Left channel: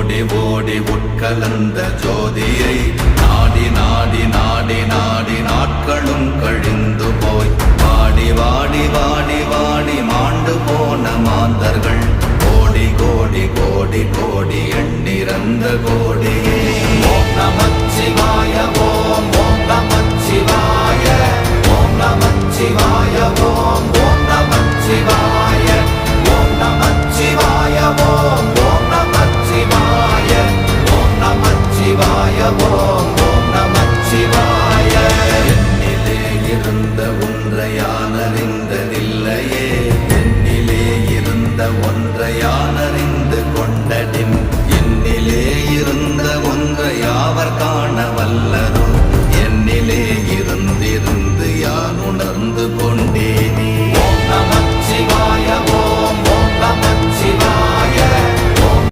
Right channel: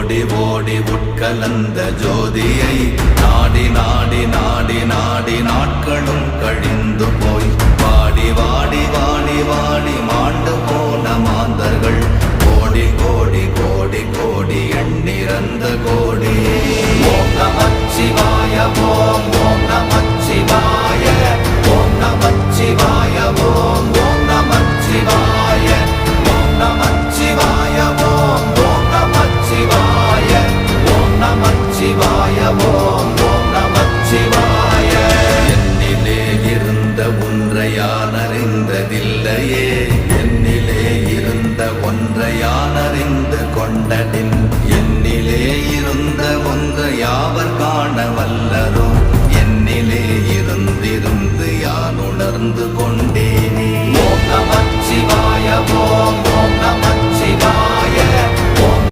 ஓடி ஓடி உட்கலந்த ஜோதியை நாடி நாடி நாடி நாடி நாட்களும் கழிந்து போய் வாடி வாடி வாடி வாடி மாண்டு போன மாந்தர்கள் கோடி கோடி கோடி கோடி எண்ணிறந்த கோடி. ஓம் நமச்சிவாய ஓம் ஓம் நமச்சிவாய ஓம் நமச்சிவாய ஓம் ஓம் நமச்சிவாய ஓம் நமச்சிவாய ஓம் ஓம் நமச்சிவாய ஓம் நமச்சிவாய ஓம் ஓம் நமச்சிவாய. என்னிலே இருந்த ஒன்றை யான் அறிந்ததில்லையே, என்னிலே இருந்த ஒன்றை யான் அறிந்து கொண்டடின், என்னிலே இருந்த ஒன்றை யாவர் காண வல்லரோ